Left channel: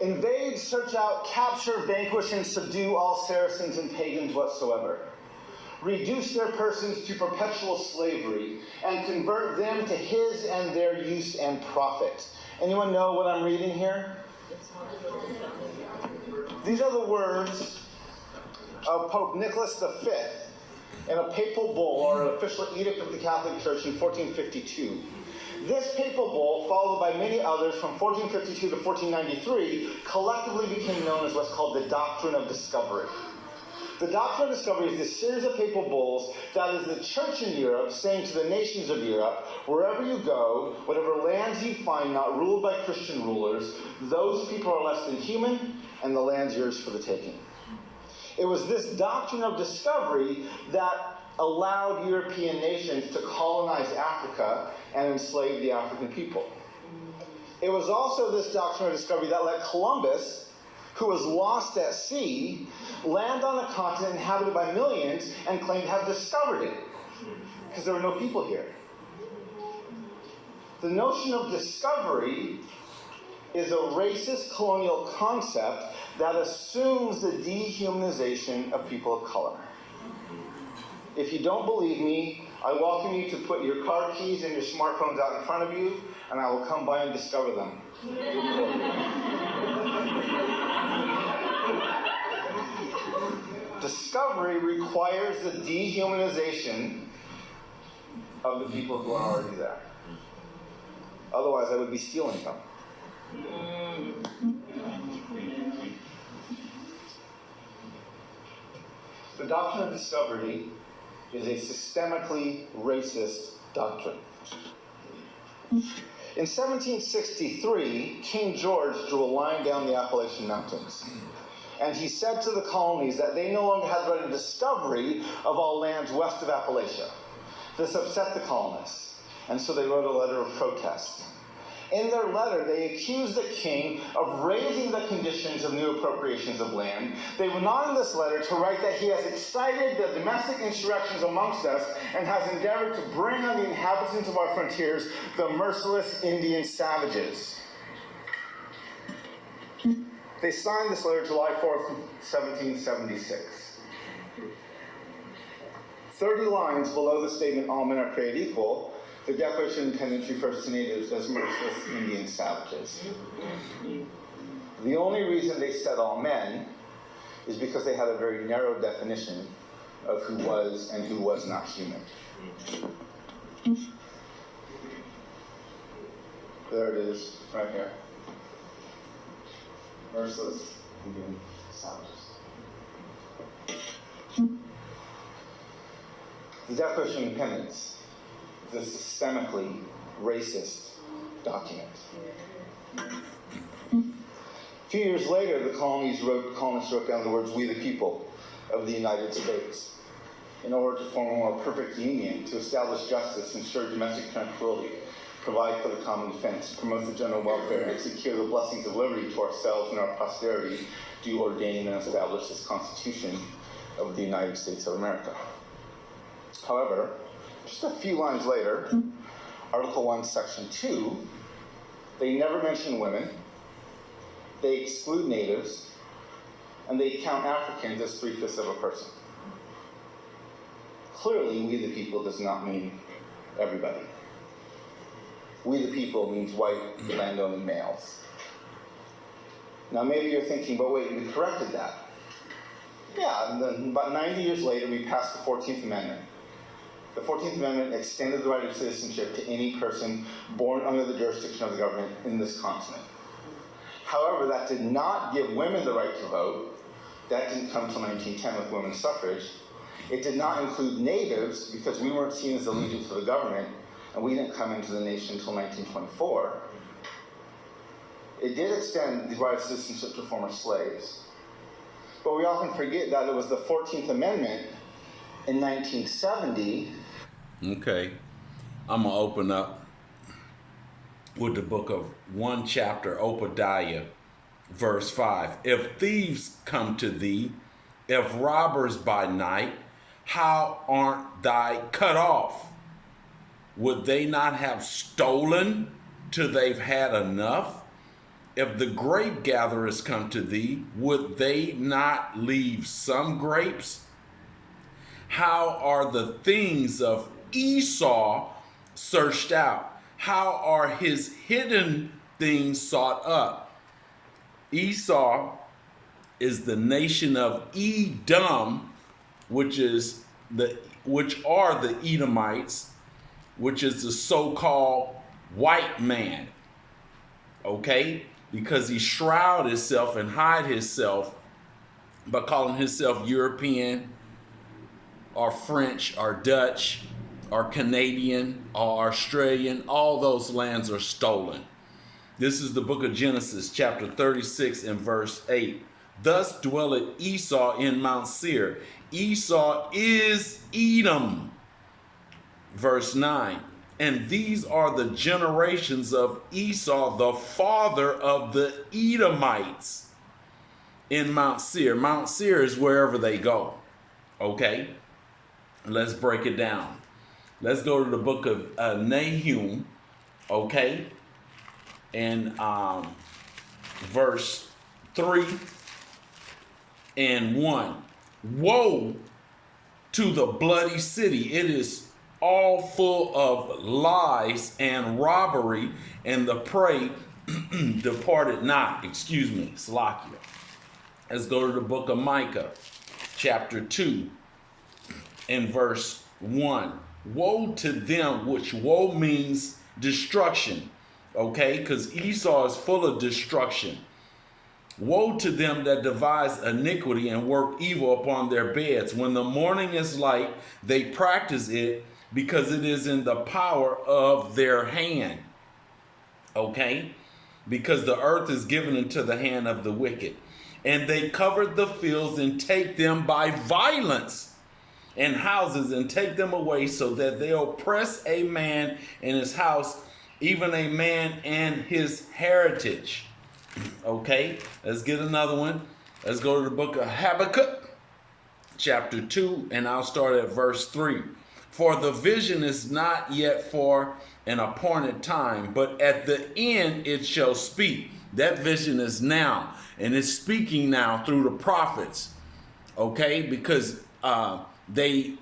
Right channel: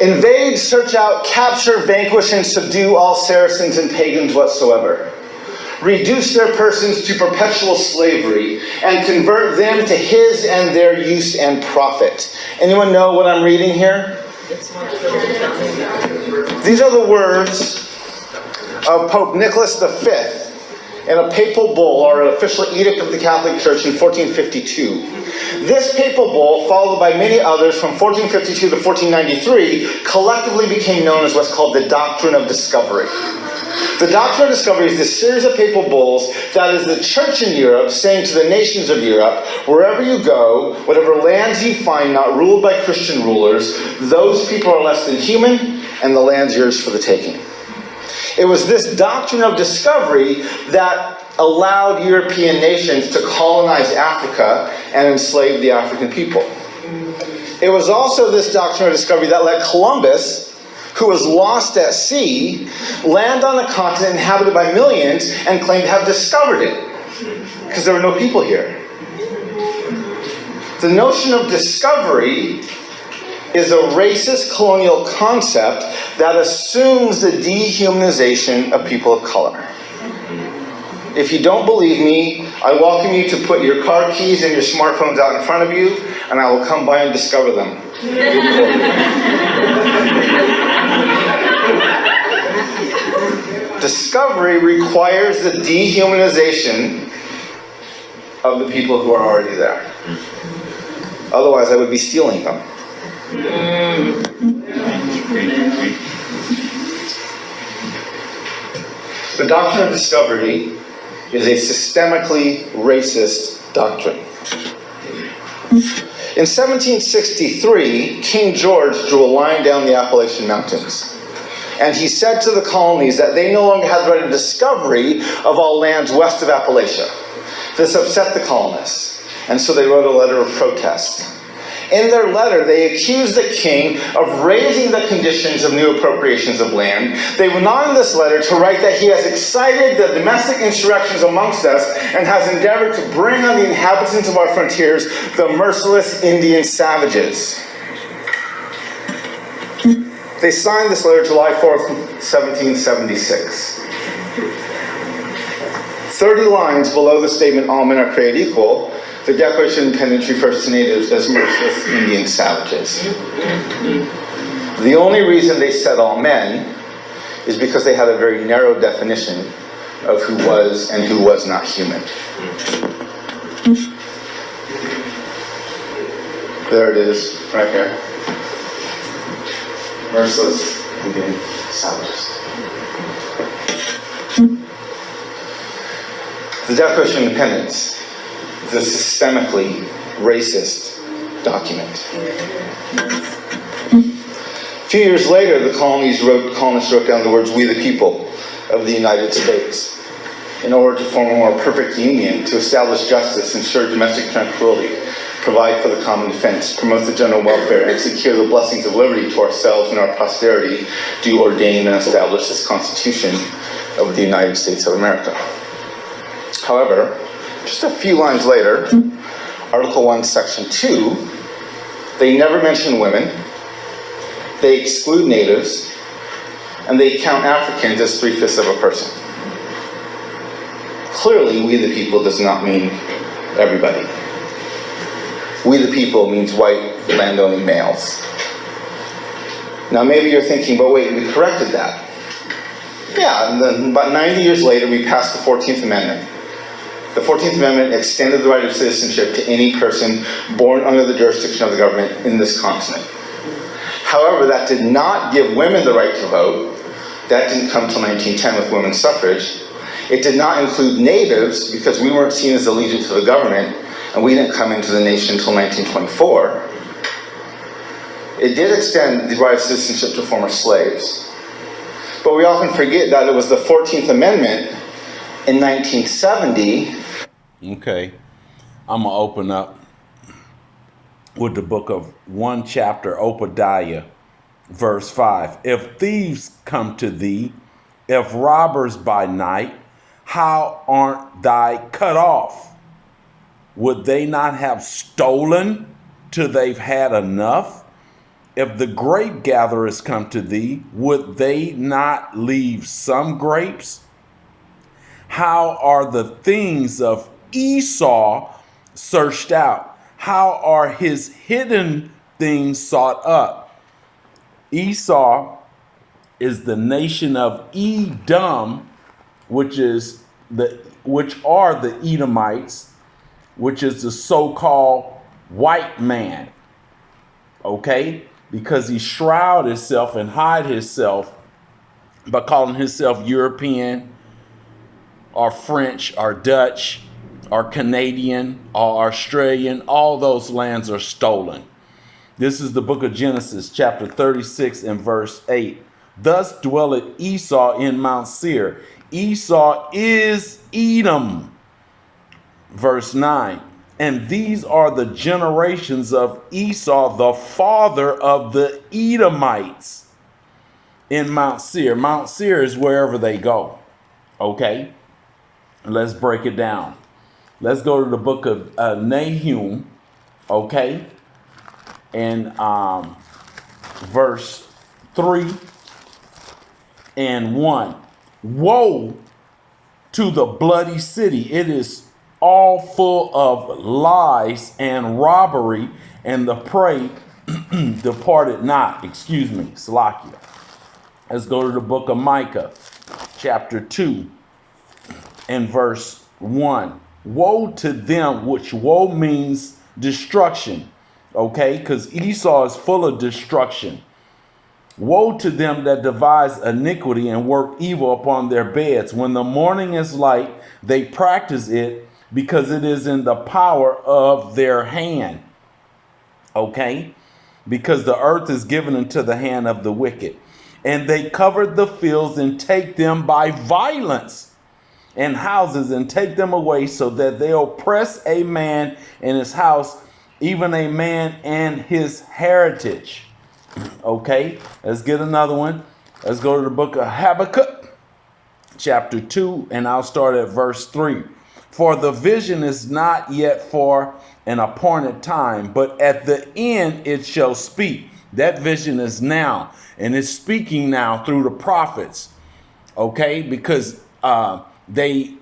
Invade, search out, capture, vanquish, and subdue all Saracens and pagans whatsoever. Reduce their persons to perpetual slavery, and convert them to his and their use and profit. Anyone know what I'm reading here? These are the words of Pope Nicholas V in a papal bull, or an official edict of the Catholic Church in 1452. This papal bull, followed by many others from 1452 to 1493, collectively became known as what's called the Doctrine of Discovery. The Doctrine of Discovery is this series of papal bulls that is the church in Europe saying to the nations of Europe, wherever you go, whatever lands you find not ruled by Christian rulers, those people are less than human, and the land's yours for the taking. It was this doctrine of discovery that allowed European nations to colonize Africa and enslave the African people. It was also this doctrine of discovery that let Columbus, who was lost at sea, land on a continent inhabited by millions and claim to have discovered it, because there were no people here. The notion of discovery is a racist colonial concept that assumes the dehumanization of people of color. If you don't believe me, I welcome you to put your car keys and your smartphones out in front of you, and I will come by and discover them. Discovery requires the dehumanization of the people who are already there. Otherwise, I would be stealing them. The doctrine of discovery is a systemically racist doctrine. In 1763, King George drew a line down the Appalachian Mountains. And he said to the colonies that they no longer had the right of discovery of all lands west of Appalachia. This upset the colonists, and so they wrote a letter of protest. In their letter, they accused the king of raising the conditions of new appropriations of land. They went on in this letter to write that he has excited the domestic insurrections amongst us and has endeavored to bring on the inhabitants of our frontiers the merciless Indian savages. They signed this letter July 4th, 1776. 30 lines below the statement, all men are created equal, the Declaration of Independence refers to natives as merciless Indian savages. The only reason they said all men is because they had a very narrow definition of who was and who was not human. There it is, right here. Merciless Indian savages. The Declaration of Independence is a systemically racist document. A few years later, the colonists wrote down the words, "We the people of the United States," in order to form a more perfect union, to establish justice, ensure domestic tranquility, provide for the common defense, promote the general welfare, and secure the blessings of liberty to ourselves and our posterity, do ordain and establish this Constitution of the United States of America. However, just a few lines later, Article 1, Section 2, they never mention women, they exclude natives, and they count Africans as 3/5 of a person. Clearly, we the people does not mean everybody. We the people means white, land-owning males. Now maybe you're thinking, but wait, we corrected that. Yeah, and then about 90 years later, we passed the 14th Amendment. The 14th Amendment extended the right of citizenship to any person born under the jurisdiction of the government in this continent. However, that did not give women the right to vote. That didn't come until 1910 with women's suffrage. It did not include natives because we weren't seen as allegiant to the government, and we didn't come into the nation until 1924. It did extend the right of citizenship to former slaves. But we often forget that it was the 14th Amendment in 1970. Okay, I'm going to open up with the book of 1 chapter, Obadiah, verse 5. If thieves come to thee if robbers by night, how aren't thy cut off? Would they not have stolen till they've had enough? If the grape gatherers come to thee, would they not leave some grapes? How are the things of Esau searched out? How are his hidden things sought up? Esau is the nation of Edom, which are the Edomites, which is the so-called white man. Okay? Because he shroud himself and hide himself by calling himself European or French or Dutch or Canadian or Australian. All those lands are stolen. This is the book of Genesis, chapter 36 and verse 8. Thus dwelleth Esau in Mount Seir. Esau is Edom. Verse 9. And these are the generations of Esau, the father of the Edomites in Mount Seir. Mount Seir is wherever they go. Okay? Let's break it down. Let's go to the book of Nahum. Okay? And verse 3 and 1. Woe to the bloody city. It is all full of lies and robbery, and the prey departed not. Excuse me, Salakia. Let's go to the book of Micah, chapter 2 and verse 1. Woe to them, which woe means destruction. Okay, because Esau is full of destruction. Woe to them that devise iniquity and work evil upon their beds. When the morning is light, they practice it, because it is in the power of their hand. Okay? Because the earth is given into the hand of the wicked. And they covered the fields and take them by violence, and houses and take them away, so that they oppress a man in his house, even a man and his heritage. Okay? Let's get another one. Let's go to the book of Habakkuk, chapter 2, and I'll start at verse 3. For the vision is not yet for an appointed time, but at the end it shall speak. That vision is now, and it's speaking now through the prophets. Okay? Because they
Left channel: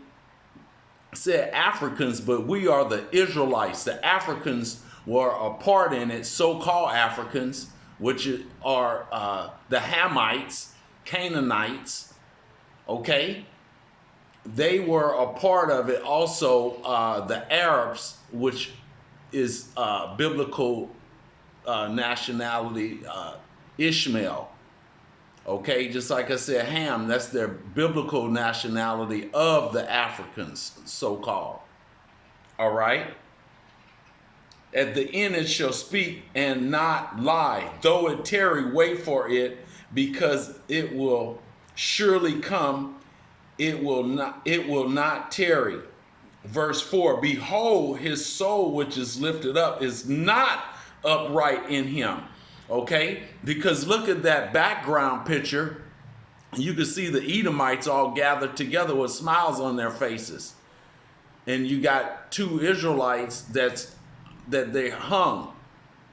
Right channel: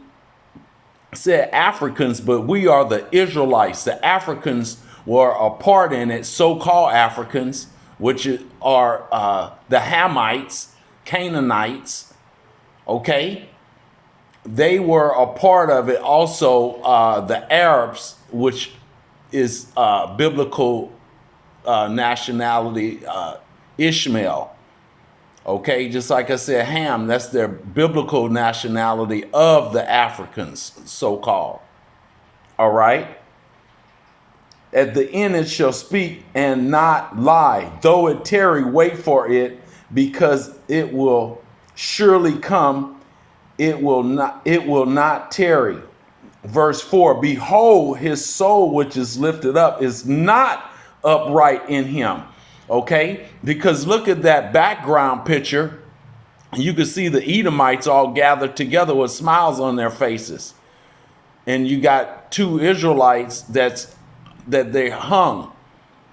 said Africans, but we are the Israelites. The Africans were a part in it, so-called Africans, which are the Hamites, Canaanites. Okay? They were a part of it. Also, the Arabs, which is biblical nationality, Ishmael. Okay, just like I said, Ham, that's their biblical nationality of the Africans, so-called. All right? At the end it shall speak and not lie. Though it tarry, wait for it, because it will surely come. It will not tarry. Verse 4, behold, his soul which is lifted up is not upright in him. Okay? Because look at that background picture. You can see the Edomites all gathered together with smiles on their faces. And you got two Israelites that they hung.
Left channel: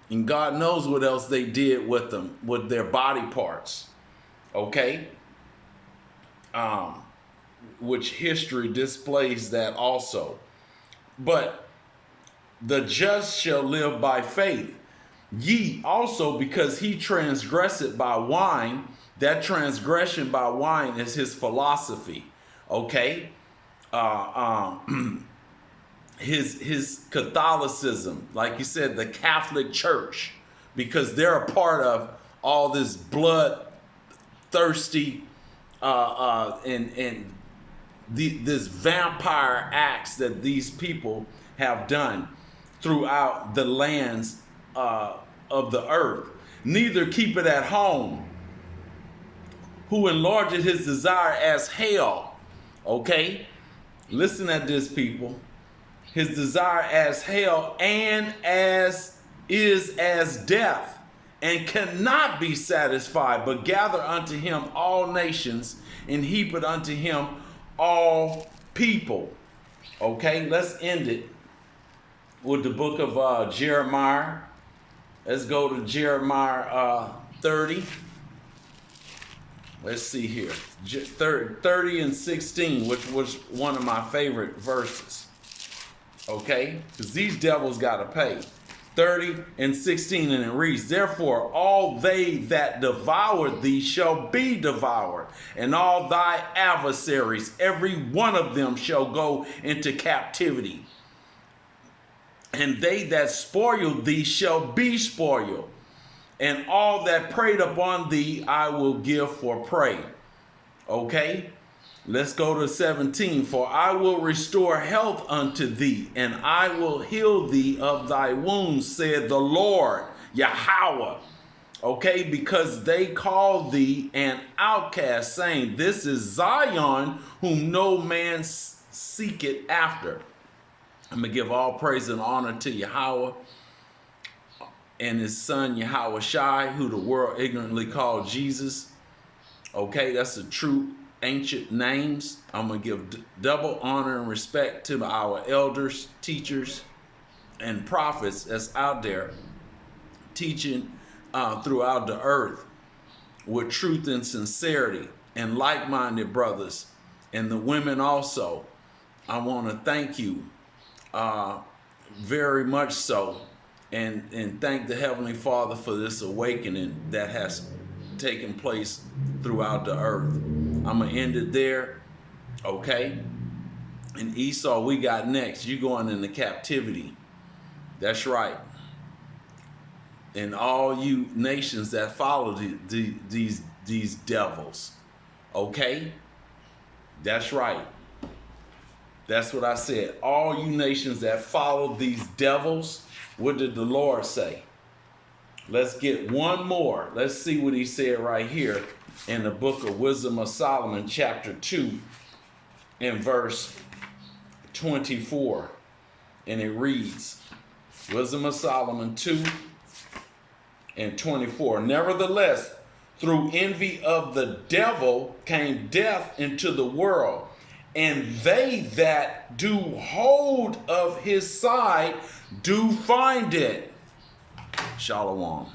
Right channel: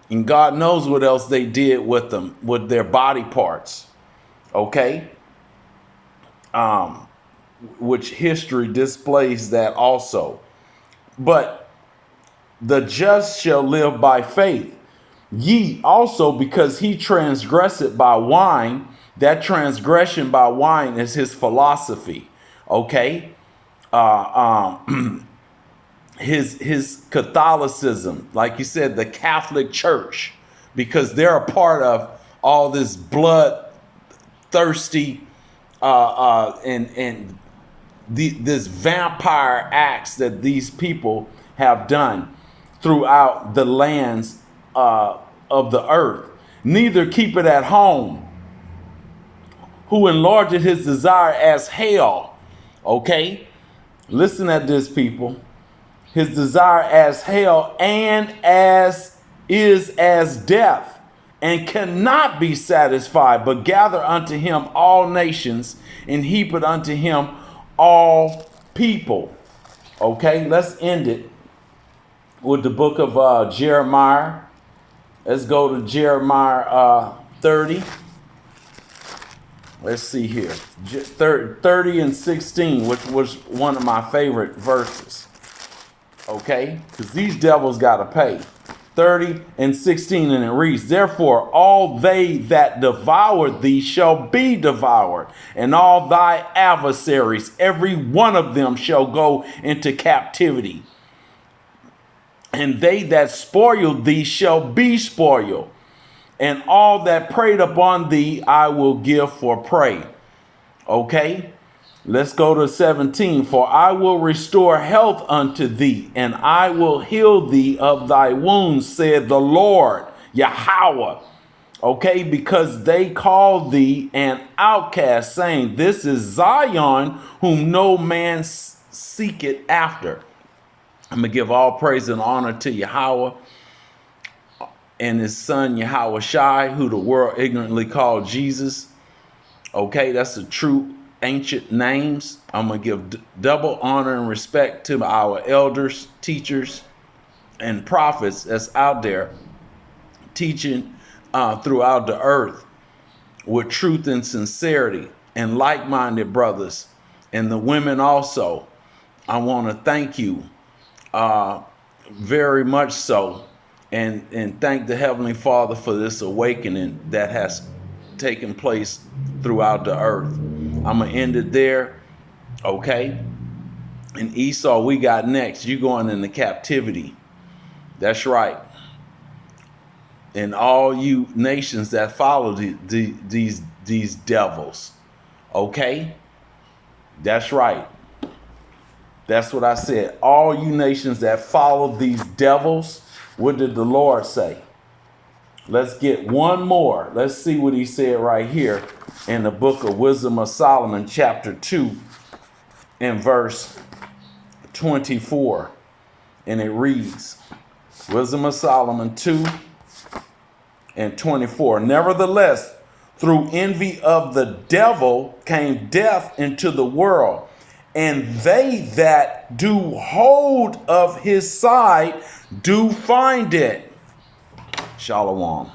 And God knows what else they did with them, with their body parts. Okay? Which history displays that also. But the just shall live by faith. Ye also, because he transgressed by wine. That transgression by wine is his philosophy. Okay? His Catholicism, like you said, the Catholic Church, because they're a part of all this bloodthirsty this vampire acts that these people have done throughout the lands of the earth. Neither keep it at home, who enlarged his desire as hell. Okay? Listen at this, people. His desire as hell, and as death, and cannot be satisfied, but gather unto him all nations, and heap it unto him all people. Okay, let's end it with the book of Jeremiah. Let's go to Jeremiah 30. Let's see here. 30 and 16, which was one of my favorite verses. Okay? Because these devils got to pay. 30 and 16, and it reads, therefore all they that devoured thee shall be devoured, and all thy adversaries, every one of them shall go into captivity. And they that spoiled thee shall be spoiled, and all that preyed upon thee I will give for prey. Okay, let's go to 17. For I will restore health unto thee, and I will heal thee of thy wounds, said the Lord, Yahweh. Okay, because they call thee an outcast, saying, this is Zion, whom no man seeketh after. I'm going to give all praise and honor to Yahweh and his son Yahweh Shai, who the world ignorantly called Jesus. Okay, that's the true ancient names. I'm going to give double honor and respect to our elders, teachers, and prophets that's out there teaching throughout the earth with truth and sincerity, and like-minded brothers, and the women also. I want to thank you very much so, and thank the Heavenly Father for this awakening that has taken place throughout the earth. I'm going to end it there, okay? And Esau, we got next. You going into captivity. That's right. And all you nations that follow these devils, okay? That's right. That's what I said. All you nations that follow these devils, what did the Lord say? Let's get one more. Let's see what he said right here in the book of Wisdom of Solomon, chapter 2, and verse 24. And it reads, Wisdom of Solomon 2 and 24. Nevertheless, through envy of the devil came death into the world, and they that do hold of his side do find it. Shalom.